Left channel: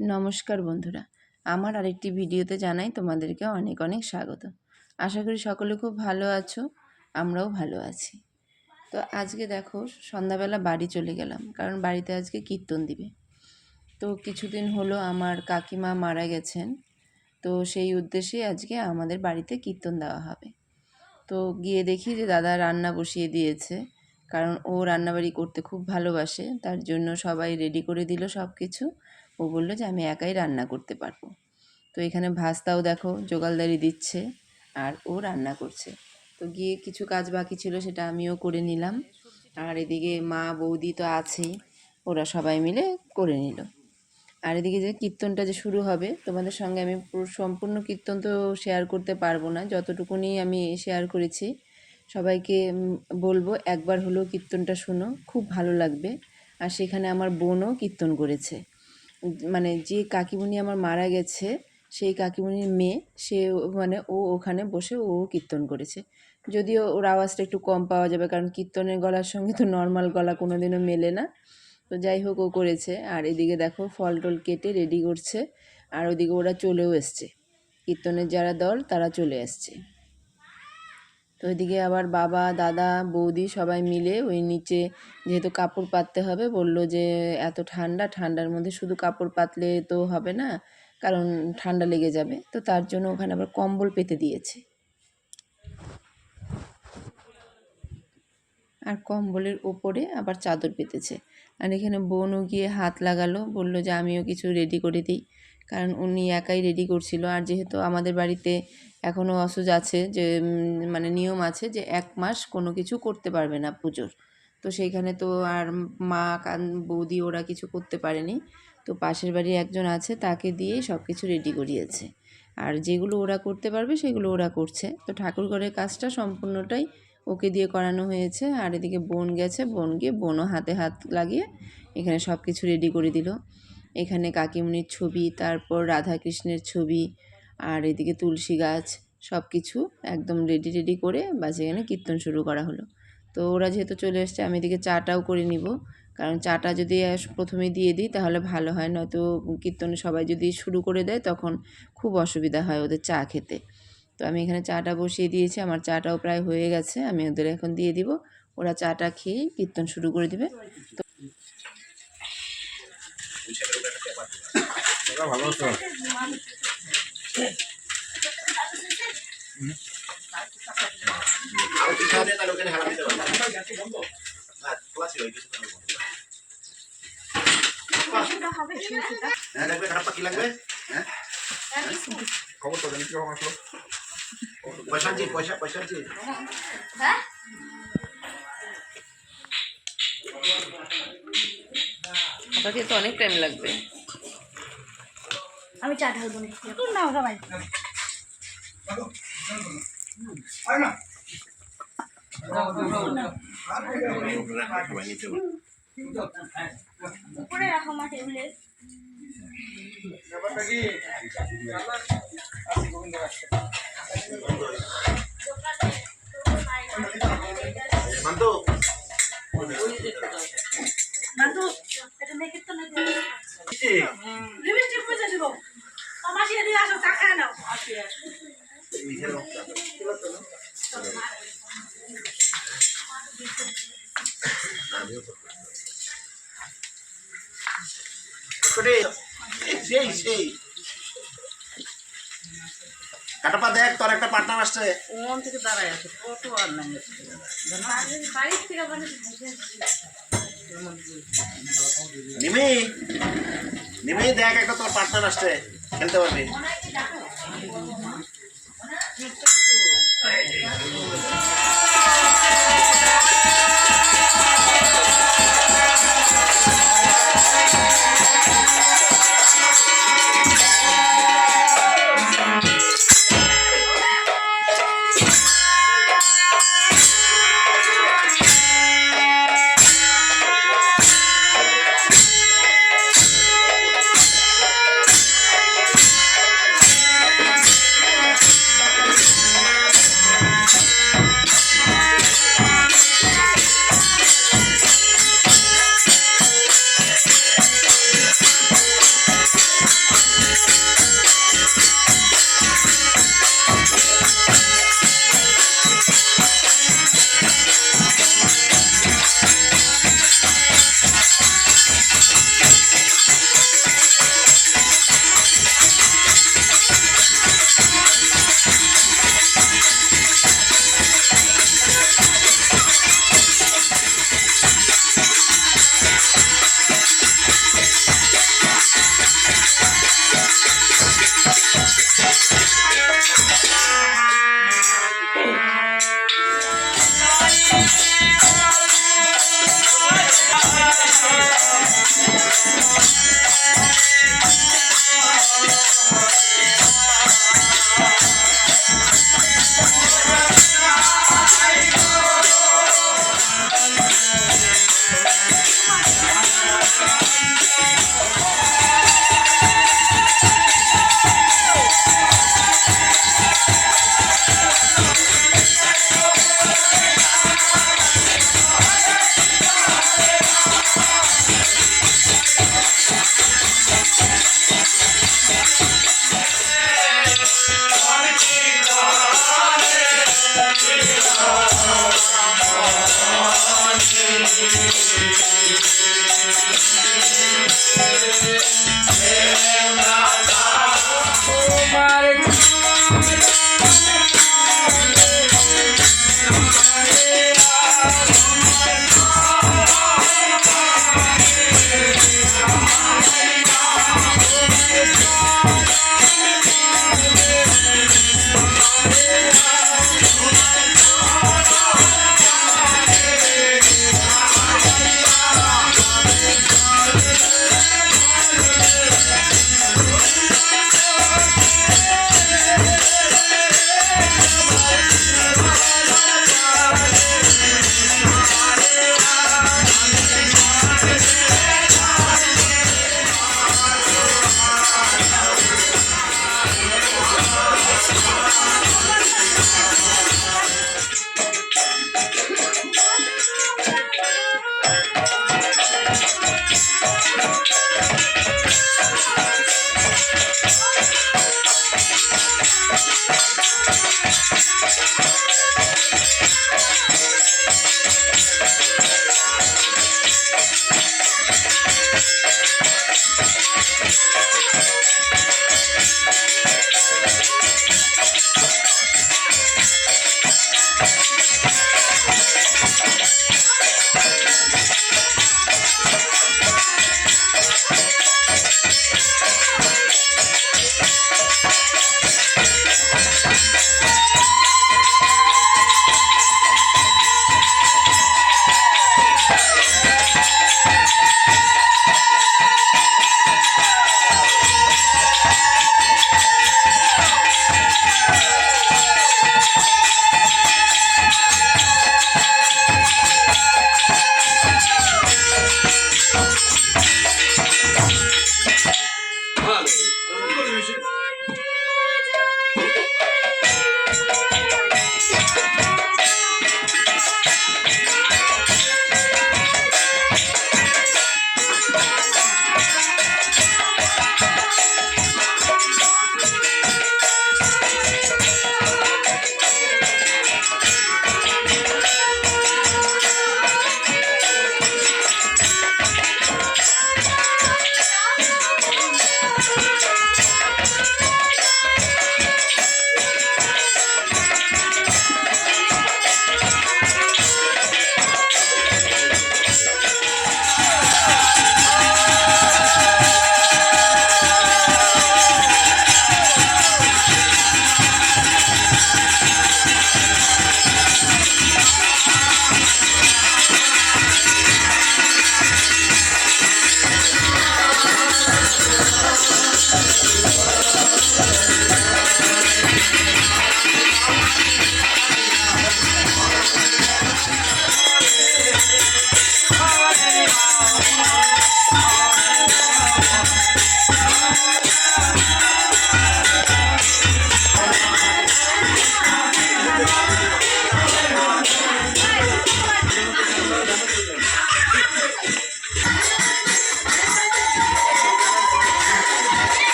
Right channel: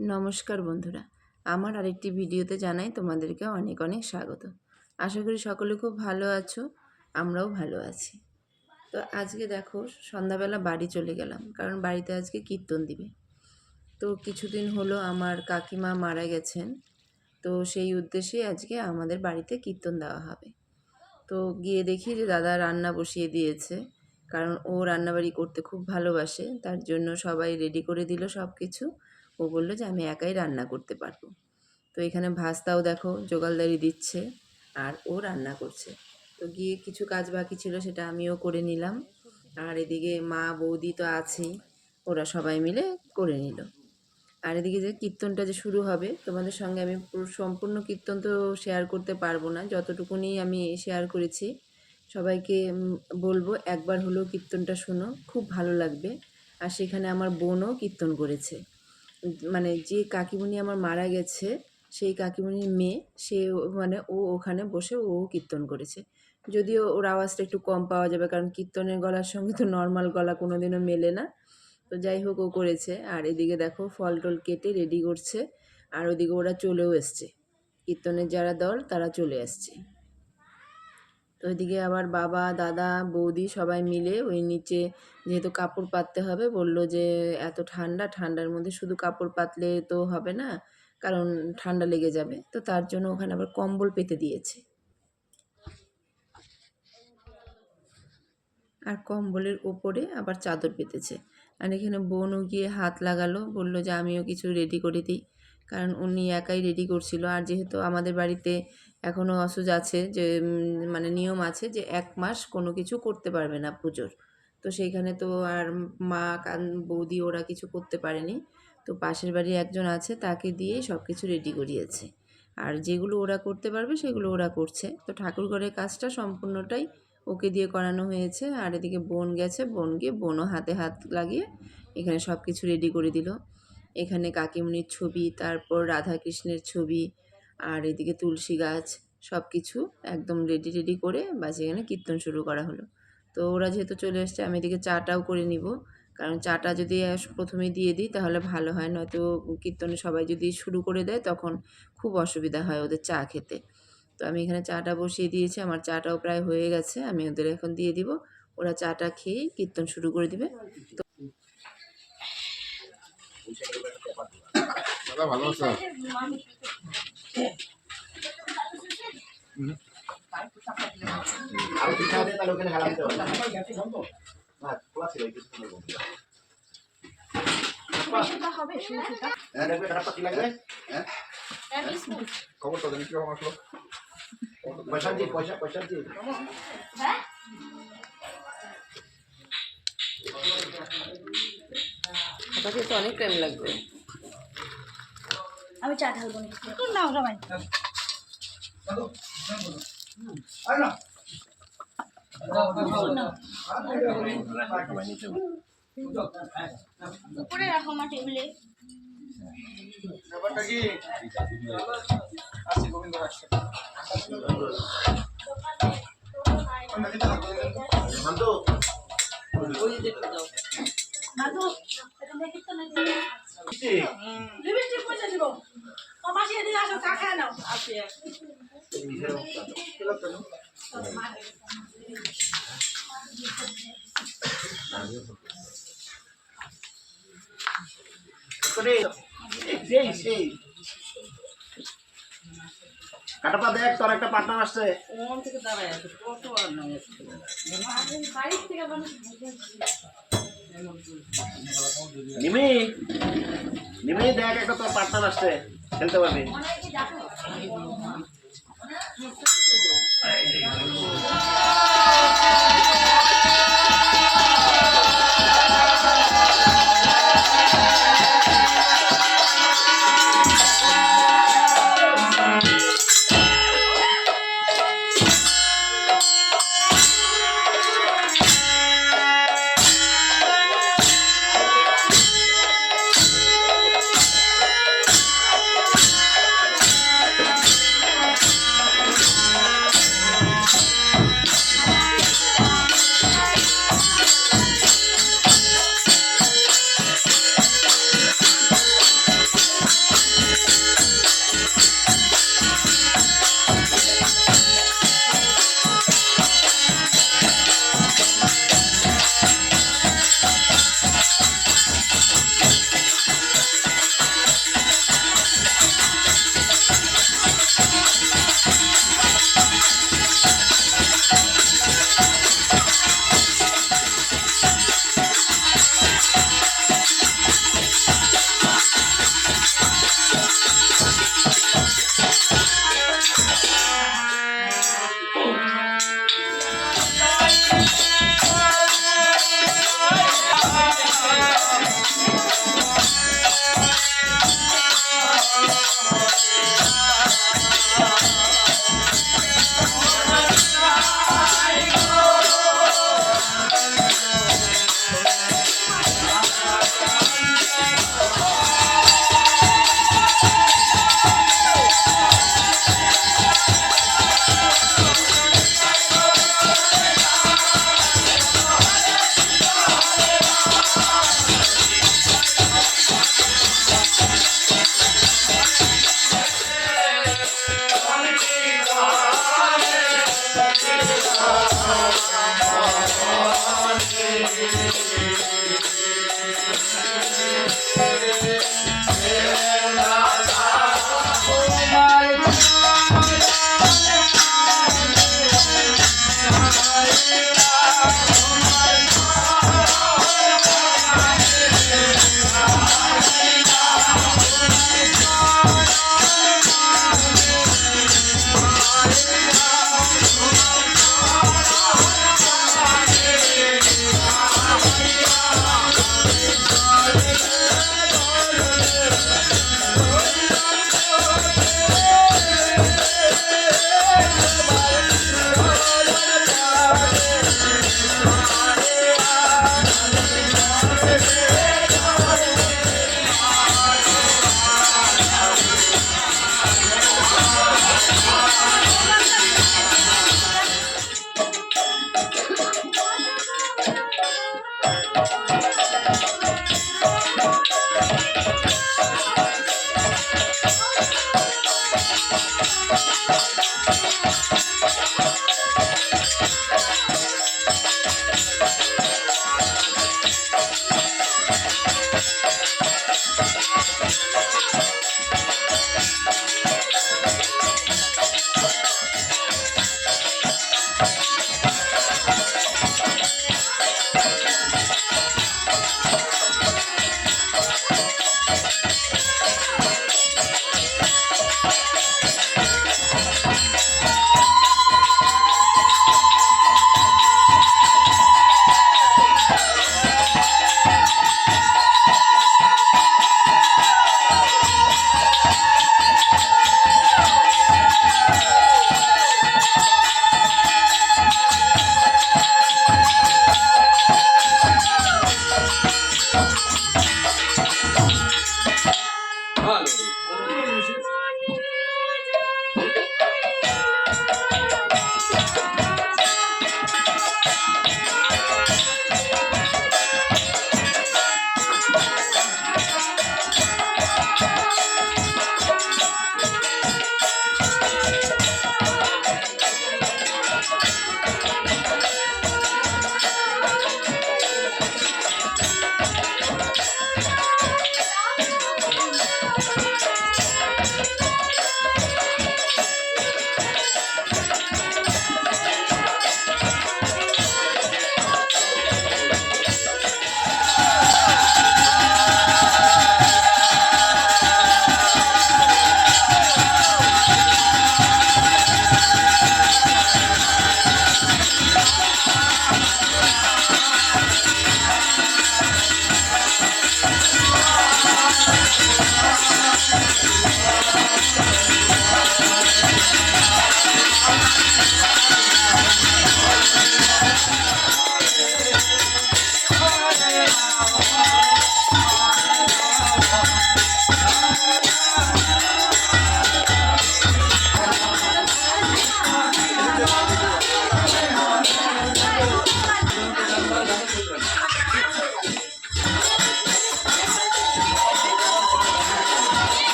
নমস্কার বন্ধুরা, আমার আরেকটি ভিডিওতে জানাই তোমাদেরকে অনেক অনেক স্বাগত। আশা করি সকলে খুব ভালো আছো, আমরাও ভালো আছি। তো আজকে দেখো সন্ধ্যাবেলা বাড়ি চলে গেলাম, কারণ বাড়িতে আজকে কীর্তন দিবে। তো কিছুদিন হলো আমার কাকিমা মারা গেছেন, তো সেই উদ্দেশ্যে আজকে আমাদের বাড়িতে কীর্তন দেওয়া হবে। তো গিয়ে দেখি যে দাদা রান্না বসিয়ে দিয়েছে, কারণ ও রান্নাবাড়ি করতে খুব ভালোবাসে, তার জন্য সবাই রেডি করে দিল সব কিছু। ও বললো যে আমি একাই রান্না করতে পারবো। তো এখানে ভাস্তাও দেখো জোগালদারি দিচ্ছে আর ও রান্না করছে। তো গিয়ে কিছু কাজ বাকি ছিল, সেটা আমিও করে নিলাম। আর এদিকে মা বৌদি তো আছেই, ওরা সবাই মিলে করে নিল। আর এদিকে যে কীর্তনটা যে শুরু হবে, তোমাদের সঙ্গে আমি পুরো সম্পূর্ণ কীর্তন তো শেয়ার করতে পারবো না, যতটুকুনি আমি শেয়ার করেছি। সবাইকে বলবো একবার হলেও কীর্তনটা শোনো, খুব ভালো লাগবে। আর সেখানে আমার বোনও কীর্তন করেছে, মানে যে কাকিমণি আমার মারা গেছে সেই কাকিমণির মেয়ে, সে মানে ও ওখানে বসে ও কীর্তন করেছে। যদিও ওর আওয়াজটা একটু কম পাওয়া যাবে, কারণ কীর্তনের গলার সঙ্গে তো নর্মাল গলা কোনো দিনও মেলে না। তো যাই হোক, ও করেছে। আর এদিকে দেখো ফল টল কেটে রেডি করছে, আর ওদিকে ওরা চলেও এসছে, কীর্তনের যারা দল তারা চলে এসছে। তো ওইদিকে আবার বাবা দাদা বৌদি সবাই মিলে ওই নিচে, যেহেতু কাপড় পাততে হবে, বলল যে এত ঠান্ডার মধ্যে শুধু কাপড় পাতলে তো হবে না, কারণ ঠান্ডা লেগে যাবে। তো তার জন্য ওখানে আবার কম্বল পেতে দিয়েছে, আর কম্বলের ওপরে আবার চাদর পেতেছে। আর এখানে বোনও গিয়ে হাত লাগালো, বলল যে আমিও কিছু রেডি করে দিই, কারণ উনি একাই রেডি করছিল। আর যেহেতু আমাদের বাড়িতে এখনও অসুজ আছে, যে মানে নিয়ম আছে যে 1 মাস কোনো কিছু করতে পারবে না পুজোর। তো সেইখানে তো আর মা বৌদি ওরা কিছু করতে পারেনি। তো পাশের বাড়ি একজন আছে, তাকে দিয়েই সব কিছু রেডি করিয়েছে। আর যেগুলো ওরা করতে পারবে সেগুলো ওরা করছে। তো ঠাকুরঘরের কাজটা সম্পূর্ণটাই ওকে দিয়ে করানো হয়েছে। আর এদিকে বোন গেছে, বোন গিয়ে বোনও হাতে হাত লাগিয়ে এখানে সব কিছু রেডি করে দিল। এখানে কাকিমুনির ছবি, তারপর রাধাকৃষ্ণের ছবি, আর এদিকে তুলসী গাছ, সব কিছু একদম রেডি করে বাস এখানে কীর্তন শুরু করা হলো। তো ওরা যেহেতু চলে এসছে, আমি এদিকে চাটাও করে নিব, কারণ চাটা যদি প্রথমে দিয়ে দিই তাহলে ভালো হয়, নয়তো কীর্তনে সবাই যদি শুরু করে দেয় তখন খুব অসুবিধা হয় ওদের চা খেতে। তো আমি এখানে চাটা বসিয়ে দিয়েছি, আমার চাটাও প্রায় হয়ে গেছে, আমি ওদের এখন দিয়ে দিব। ওরা চাটা খেয়েই কীর্তন শুরু করে দিবে। তো ভালো আছো? খবর তো জানি কিরকম আসলো। পয়সা হ্যাঁ, খাতা তো অনেক টাইম লাগবে। আমি চা ঢালবো না সবাই। উপরে রাখো আমার টেবিলে। ব্যাপারটা কি আসি গোবিন্দ রাখছে মানতো মানতো এটা মেকে তো নেই লিপস্টিক পয়সা দিব আমাশি দিয়ে আসো চা খায় নাও আছে সেই কাটাপা দেখ, তোর একটা পার্টনার আসছে ওখান থেকে দাঁড়ায় আছে, কত আর নাই বাড়ির থেকে নিমি দেখ, একটা তোর পার্টনার আসছে, খেলতে পারবি।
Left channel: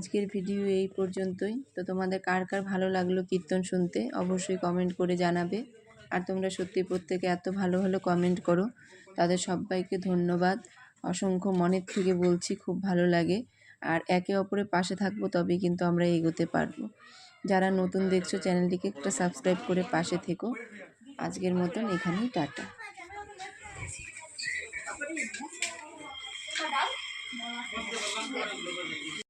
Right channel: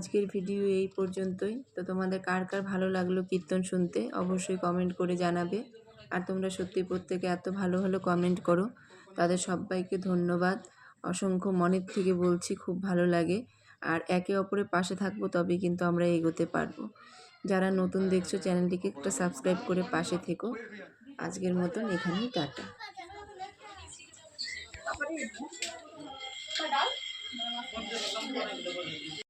আজকের ভিডিও এই পর্যন্তই। তো তোমাদের কার কার ভালো লাগলো কীর্তন শুনতে অবশ্যই কমেন্ট করে জানাবে। আর তোমরা সত্যি প্রত্যেকে এত ভালো ভালো কমেন্ট করো, তাদের সবাইকে ধন্যবাদ। অসংখ্য মনের থেকে বলছি, খুব ভালো লাগে। আর একে অপরের পাশে থাকবো, তবেই কিন্তু আমরা এগোতে পারবো। যারা নতুন দেখছো চ্যানেলটিকে একটা সাবস্ক্রাইব করে পাশে থেকো। আজকের মতন এখানেই টাটা।